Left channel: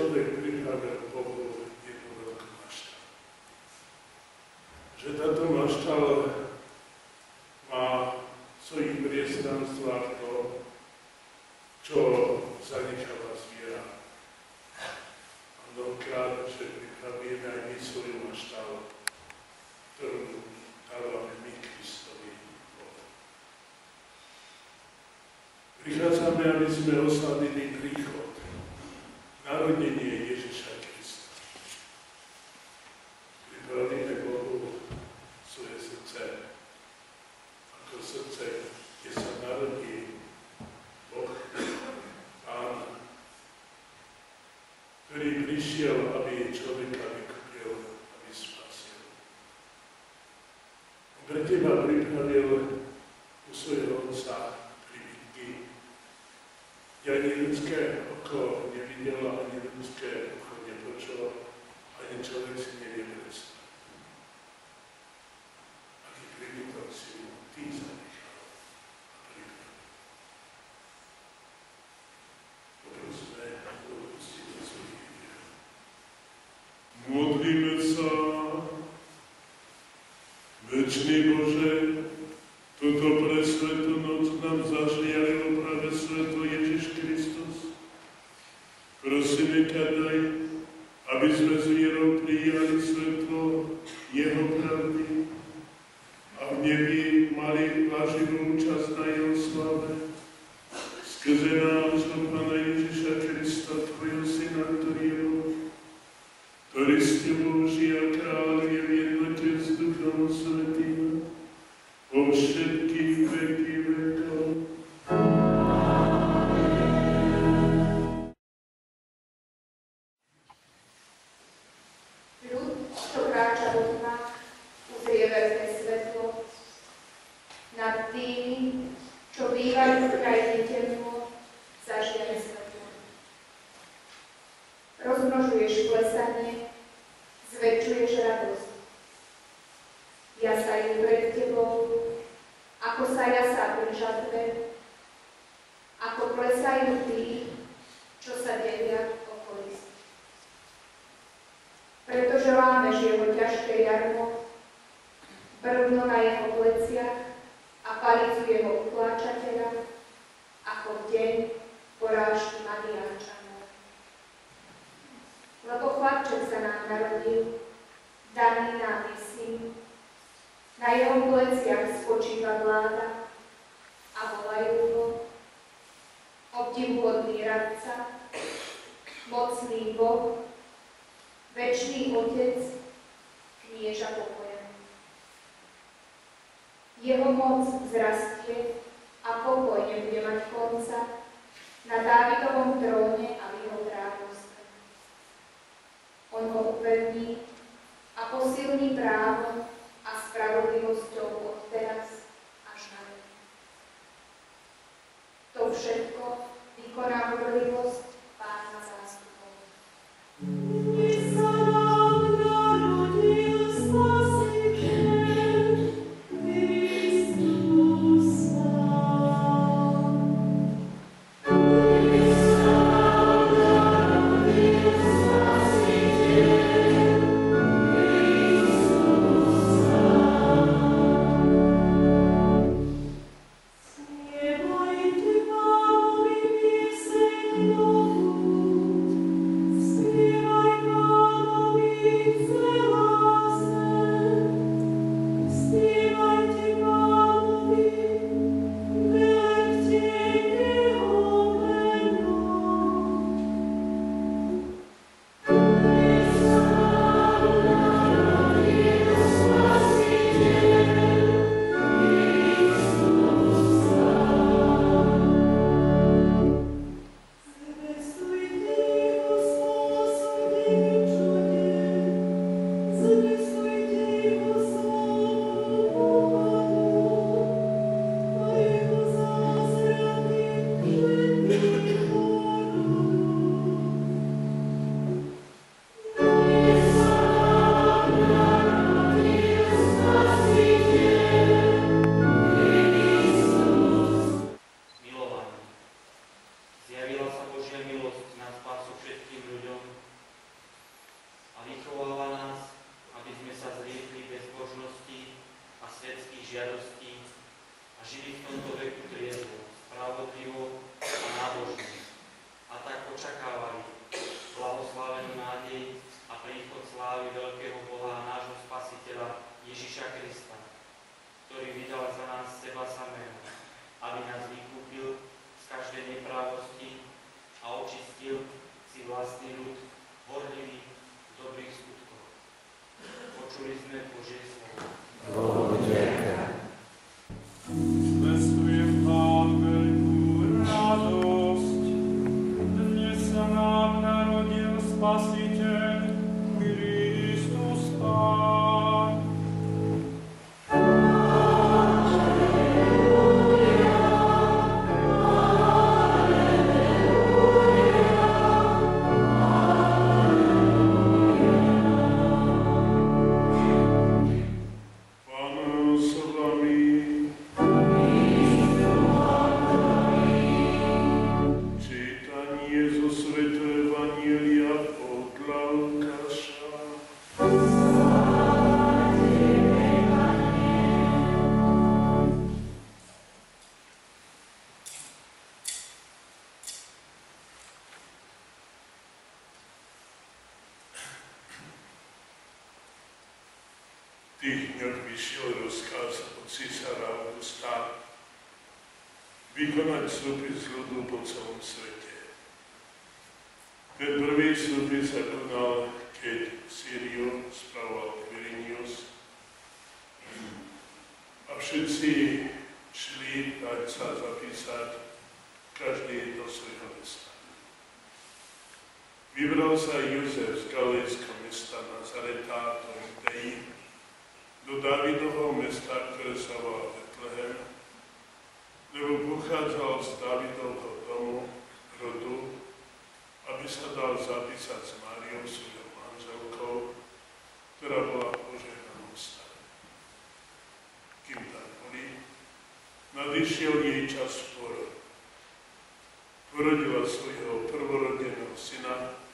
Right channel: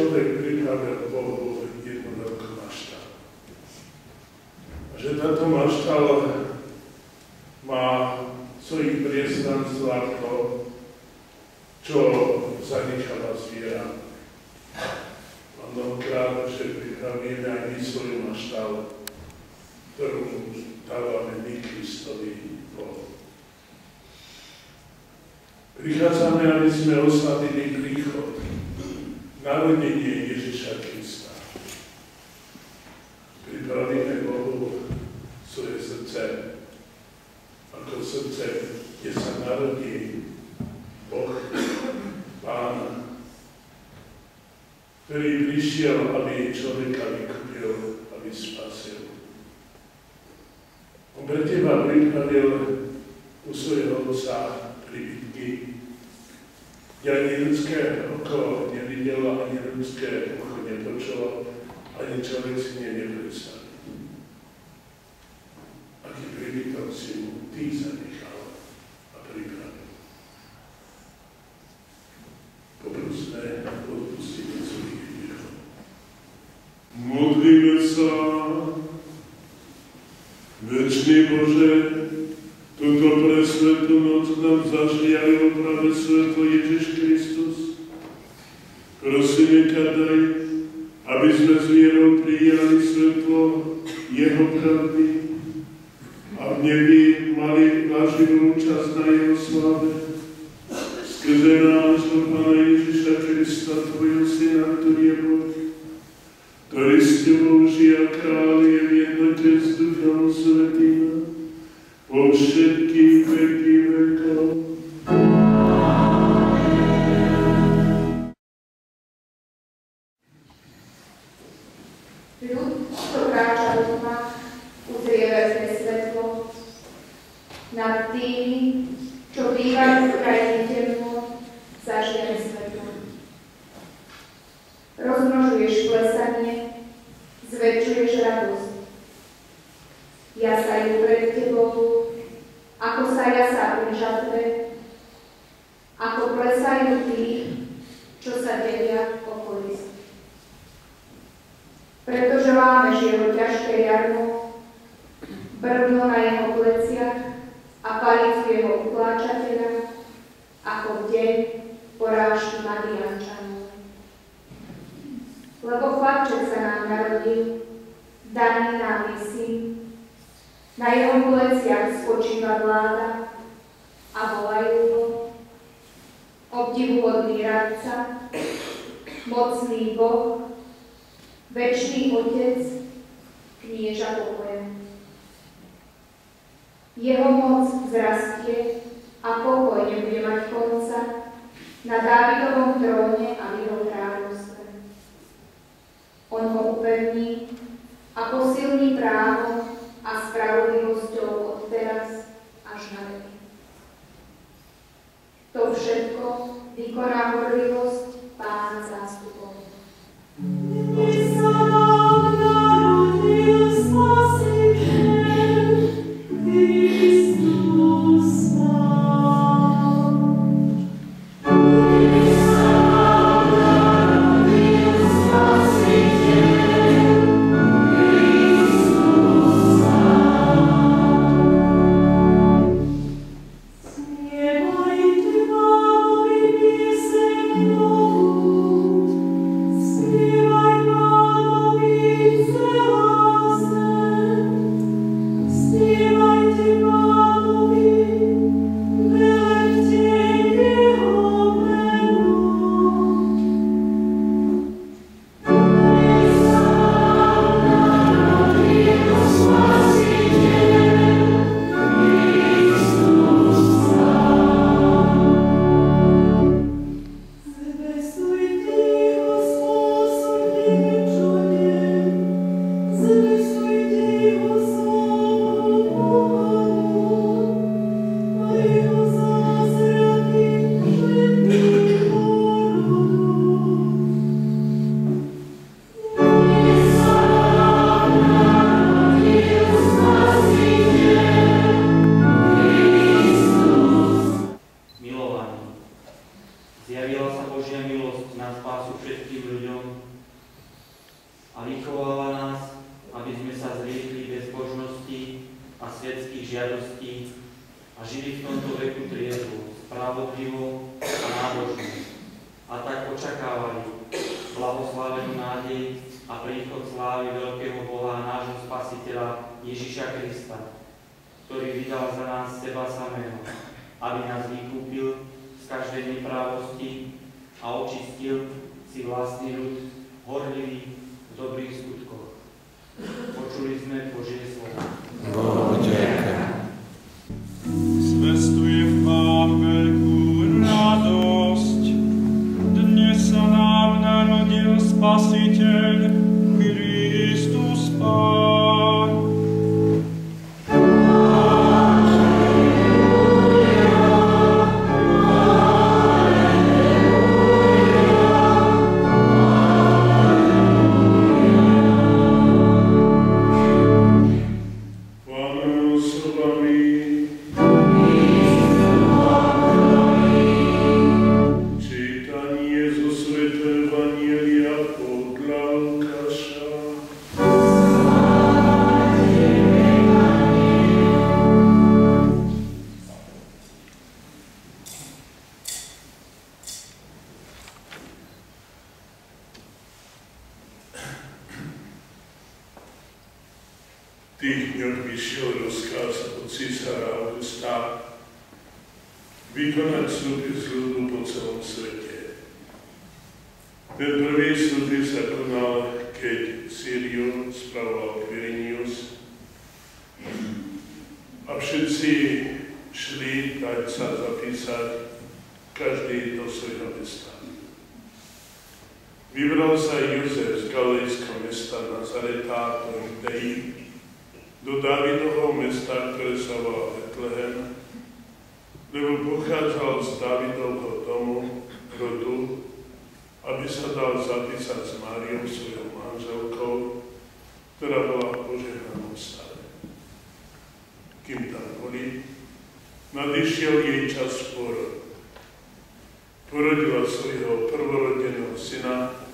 človek pripravil Bohu jednu veľkú maštalu. A že táto maštal má v svojich priestranstvách to, čo zanechala zviera. A mnohokrát, že pripravíme aj my svoju maštal, ktorú dávame my Kristovi Bohu. Prichádzame, aby sme oslavili príchod, narodenie Ježiša Krista. Pripravíme Bohu svoje srdce, ako srdce, kde sa narodí Boh, Pán, ktorý prišiel, aby človeka vykúpil, aby spasil. On pre teba pripravil u svojho Otca príbytky, kde ani ľudské oko nevidelo, ani ľudské ucho nepočulo, ani človek si nepredstavil. Aký príbytok si mu ty zanechal a pripravil. Poprosme a odpustíme svojich hriechov. Modlíme sa. Večný Bože, túto presvetú noc nám zažiaril práve svetlo Ježiš Kristus. Prosíme ťa, daj, aby sme s vierou prijali svetlo jeho pravdy a v nebi mali naživú účasť na jeho sláve. Skrze nášho Pána Ježiša Krista, tvojho Syna, ktorý je Boh, ktorý s tebou žije a kráľuje v jednote s Duchom Svätým po všetky veky vekov. Ľud, čo kráča do tma, uzrie veľké svetlo. Nad tými, čo bývajú v krajine temno, zažiari svetlo. Rozmnožuješ klesanie, zväčšuješ radosť. Jasajú pred tebou, ako sa jasá pri žatve, ako klesajú tí, čo sa delia o kolísť. Pretože lámeš jeho ťažké jarmo, brvno na jeho pleciach a palicu jeho utláčateľa, ako v deň porážky Madiánčanov. Lebo chlapček sa nám narodil, daný nám je syn, na jeho pleciach spočíva vláda a volajú ho obdivuhodný radca, mocný Boh, večný Otec, knieža pokoja. Jeho moc vzrastie a pokoj nebude mať konca na Dávidovom tróne a v jeho kráľovstve. On ho upevní a posilní právom a spravodlivosťou od teraz až na veky. To všetko vykoná horlivosť Pána zástupov. Zjavila sa Božia milosť na spásu všetkým ľuďom, oslávenú nádej a príchod slávy veľkého Boha a nášho Spasiteľa Ježiša Krista, ktorý vydal za nás seba samého, aby nás vykúpil z každej neprávosti a očistil si vlastný ľud, horlivý v dobrých skutkoch. Počuli sme Božie slovo. Zvestujem vám veľkú radosť. Dnes sa nám narodil Spasiteľ, Kristus Pán. V tých dňoch vyšiel rozkaz od císara Augusta vykonať súpis ľudu po celom svete. Ten prvý súpis sa konal, keď Sýriu spravoval Quirinius a všetci šli dať sa zapísať, každý do svojho mesta. Vybral sa Jozef z galilejského mesta Nazareta do Judei, do Dávidovho mesta, ktoré sa volá Betlehem, lebo pochádzal z Dávidovho domu, rodu, aby sa dal zapísať s Máriou, svojou manželkou, ktorá bola v požehnanom stave. Kým tam boli, nadišiel jej čas pôrodu. Porodila svojho prvorodeného syna,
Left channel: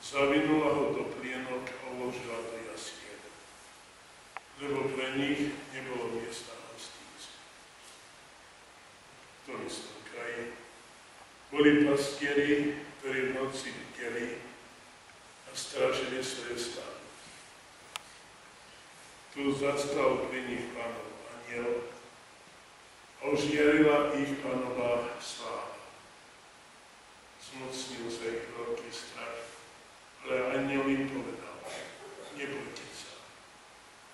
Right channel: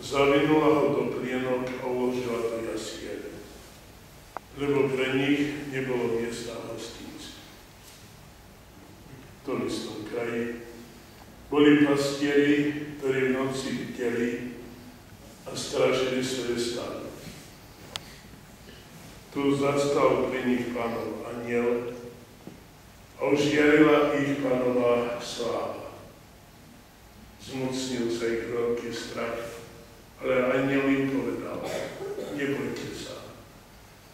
zavinula ho do plienok a uložila do jasiel, lebo pre nich nebolo miesta v hostinci. V tom istom kraji boli pastieri, ktorí v noci bdeli a strážili svoje stádo. Tu zastal pri nich Pánov anjel a ožiarila ich Pánová sláva. Zmocnil sa ich veľký strach, ale anjel im povedal: nebojte sa.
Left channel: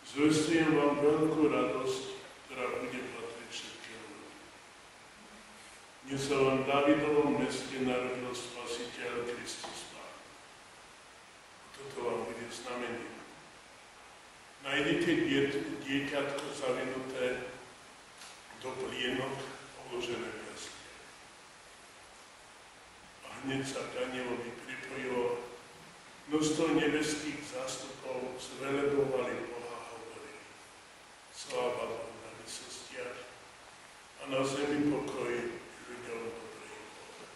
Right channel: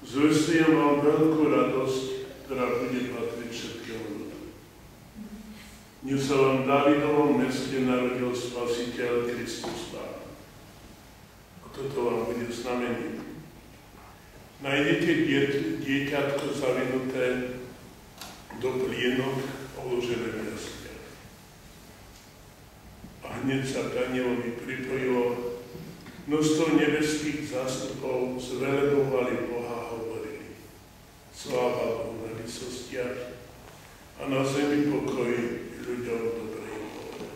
Zvestujem vám veľkú radosť, ktorá bude patriť všetkému ľudu. Dnes sa vám v Dávidovom meste narodil Spasiteľ Kristus Pán. A toto vám bude znamením. Nájdete dieťatko zavinuté do plienok a uložené v jasliach. A hneď sa k anjelovi pripojilo množstvo nebeských zástupov, zvelebovali Boha a hovorili: sláva Bohu na vysostiach a na zemi pokoj ľuďom dobrej vôle.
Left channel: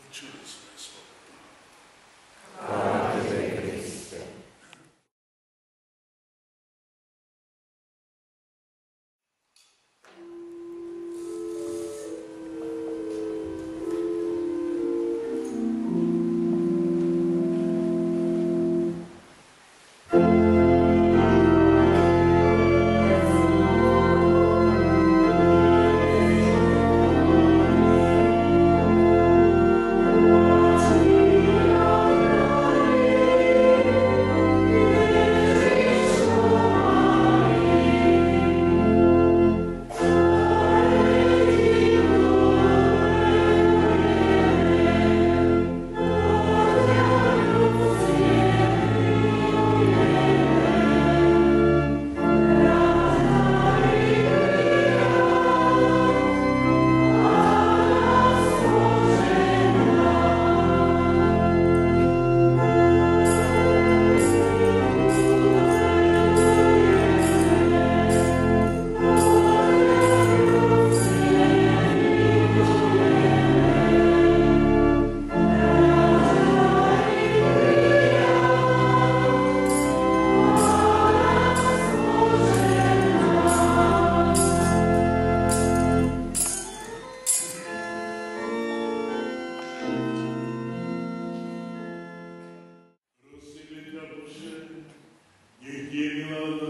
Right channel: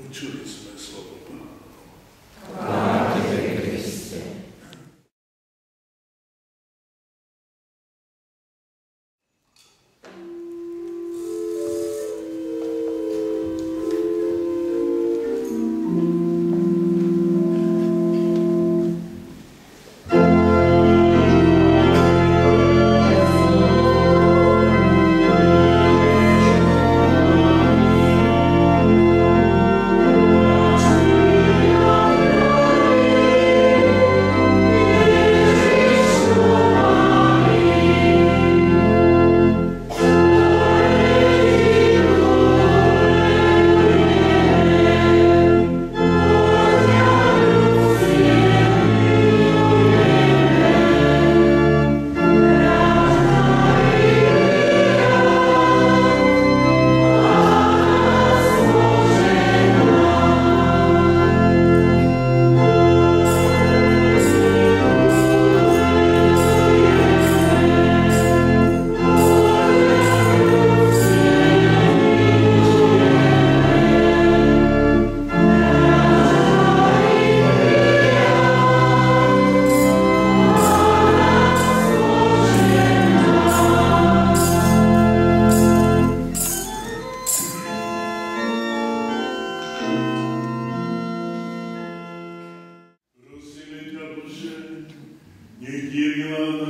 Počuli sme slovo Pánovo. Chvála Tebe, Kriste. Thank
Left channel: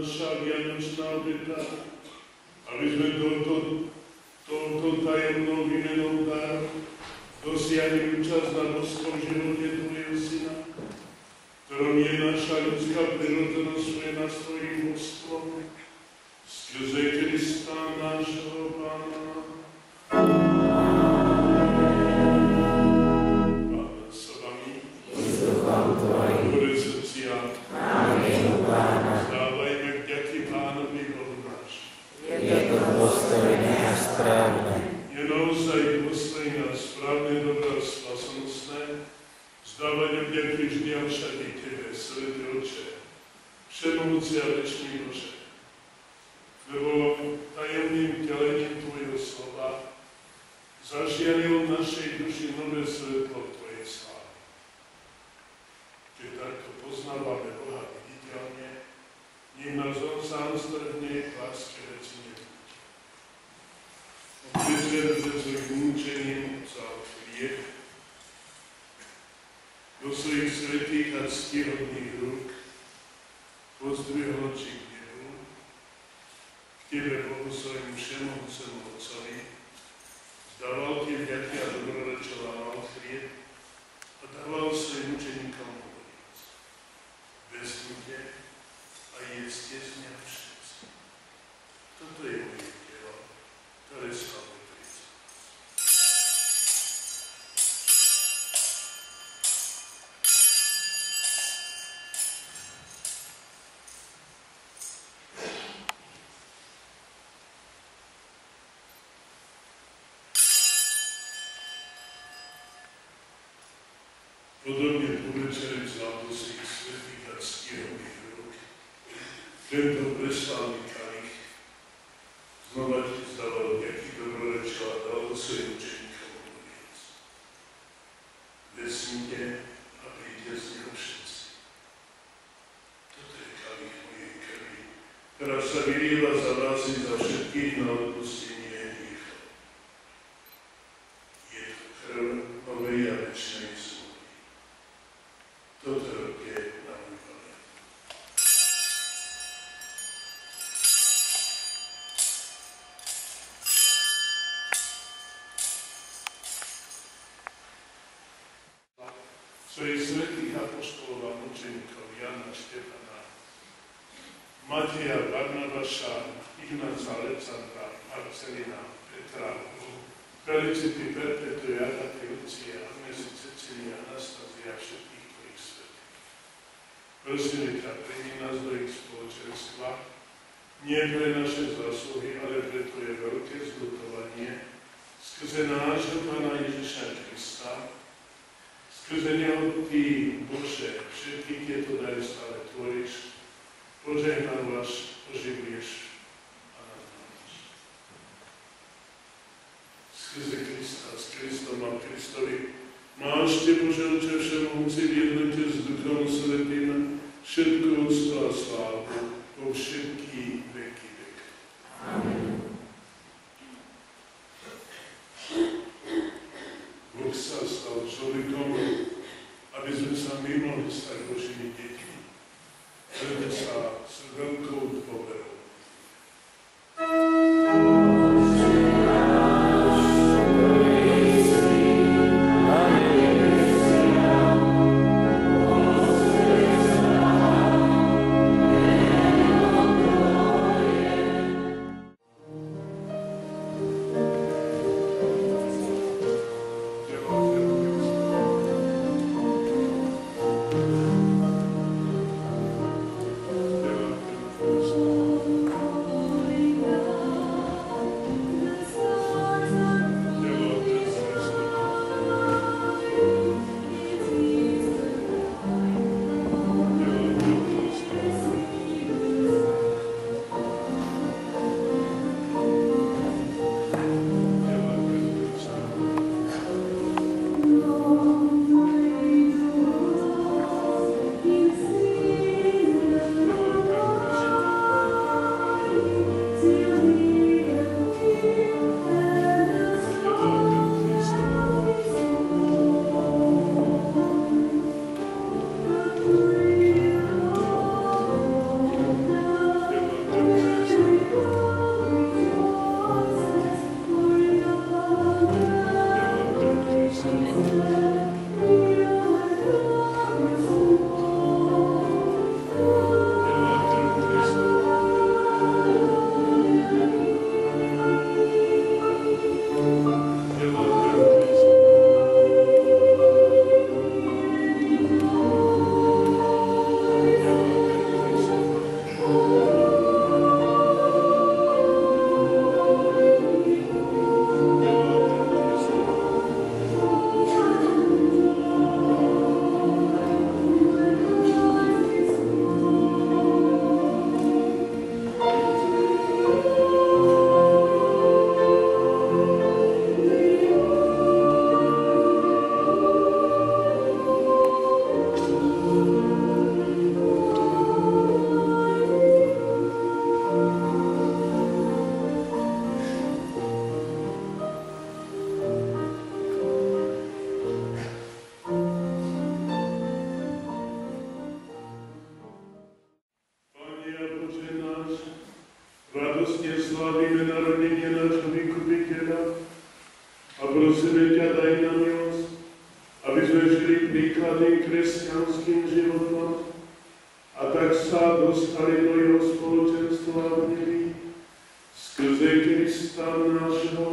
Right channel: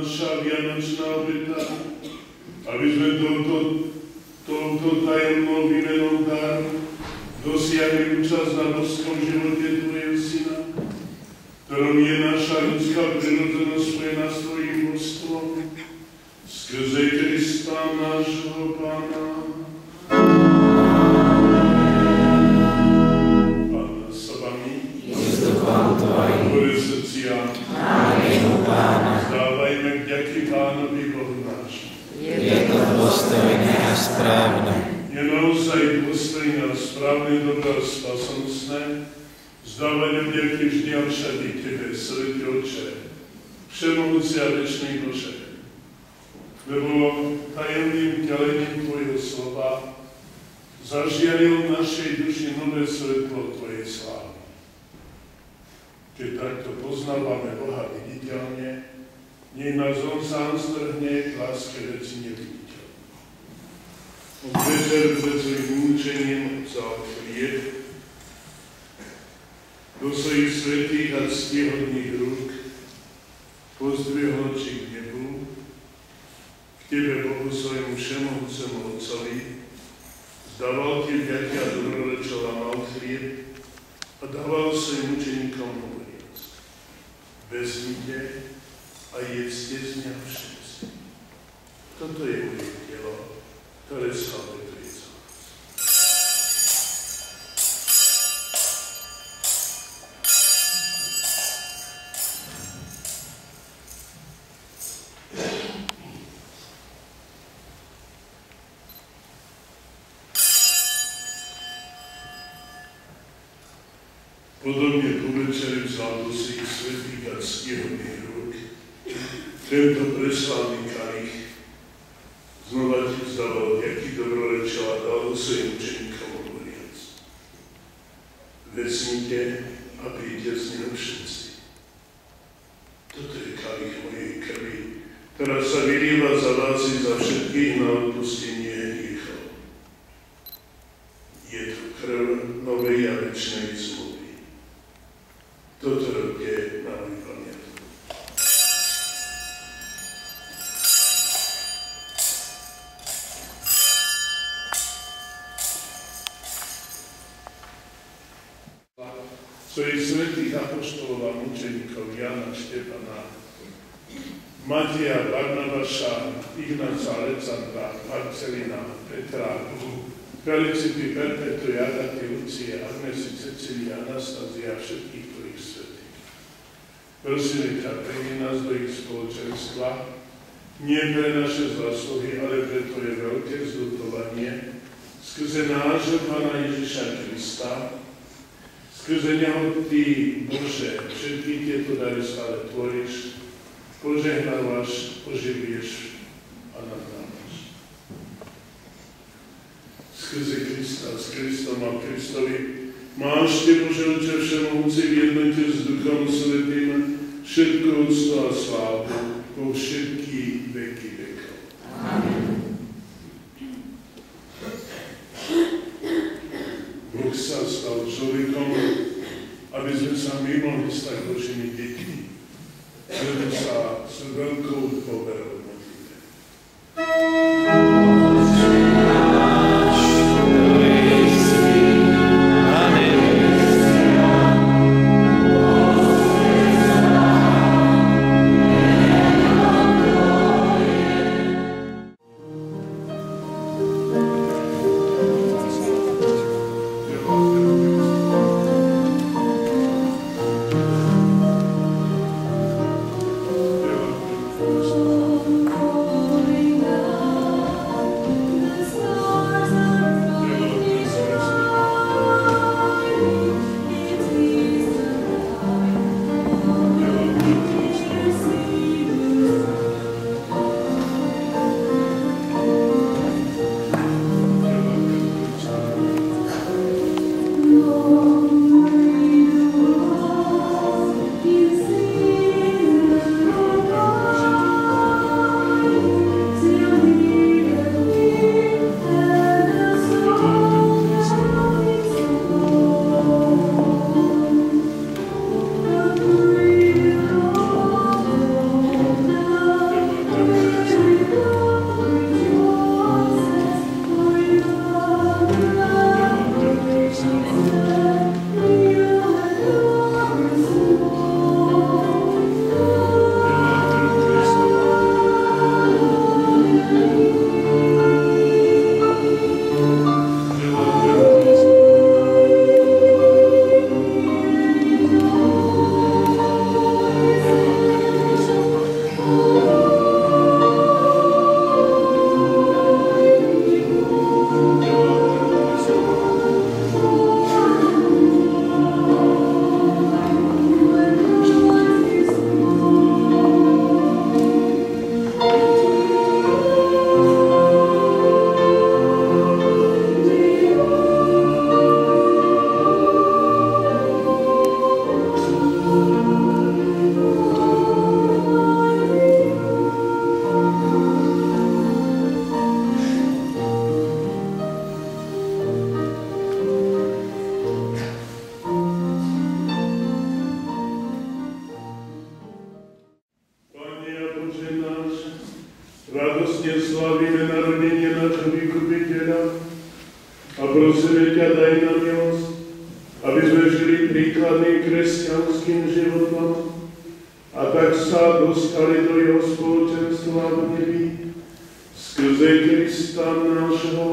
naša vianočná obeta, aby sme touto tajemnou výmenou dáru dosiahli účasť na boskom živote Tvojho Syna, ktorom je naša ľudská prirodzenosť spojená s Tvojím božstvom, skrze Krista nášho Pána. Pána s vami, hore srdcia, vzdávajme vďaky Pánovi Bohu náš. Je to dôstojné a správne. Je naozaj dôstojné a správne, dobré a spasonostné vzdávať vďaky vždy a všade Tebe, Svätý Otče, všemohúci a večný Bože, lebo tajomným vtelením Tvojho slova zažiaril v našej duši nové svetlo Tvojej slávy. Keď takto poznávame Boha viditeľne, nech nás On sám strhne k láske veci neviditeľné. Od večer pred svojím múčením vzal chlieb, do svojich svätých a ctihodných rúk pozdvihol oči k nebu, k Tebe, Bohu svojmu všemohúcemu Otcovi, vzdával Ti vďaky a dobrorečil a mal chlieb a dával svojim učeníkom hovoriac: vezmite a jedzte z mňa všetci. Toto je moje telo, ktoré sa obetuje za vás. Podobne po večeri vzal do svojich svätých a ctihodných rúk tento preslávny kalich, znova Ti vzdával vďaky, dobrorečil a dal do svojim učeníkom hovoriac: vezmite a pijte z neho všetci. Toto je kalich mojej krvi, ktorá sa vylieva za vás i za všetkých na odpustenie hriechov. Je to krv novej a večnej zmluvy. Toto robte na môj pamiatku. Svojich svätých apoštolov a mučeníkov Jana, Štefana, Mateja, Barnabáša, Ignáca, Alexandra, Marcelina, Petra, Felicity, Perpetu, Agaty, Lucie, Agnesy, Cecília, Anastázia a všetkých Tvojich svätých. Prosíme ťa, príjmi nás do ich spoločenstva, nie pre naše zásluhy, ale pre Tvoje veľké zľutovanie, skrze nášho Pána Ježiša Krista, skrze Neho Ty, Bože, všetky tieto dary stále tvoríš, požehnávaš, oživuješ a nadávaš. Skrze Krista, s Kristom a Kristovi máš Ty, Bože, Otče všemohúci, v jednote s Duchom Svätým všetko úctu a slávu vo všetky veky vekov. Amen. Boh sa stal človekom, aby sme sa my mohli stať Božími deťmi. Preto sa s veľkou dôverou modlíme. Amen. aby sme žili príkladným kresťanským životom a tak sa dostali do jeho spoločenstva v nebi skrze Krista nášho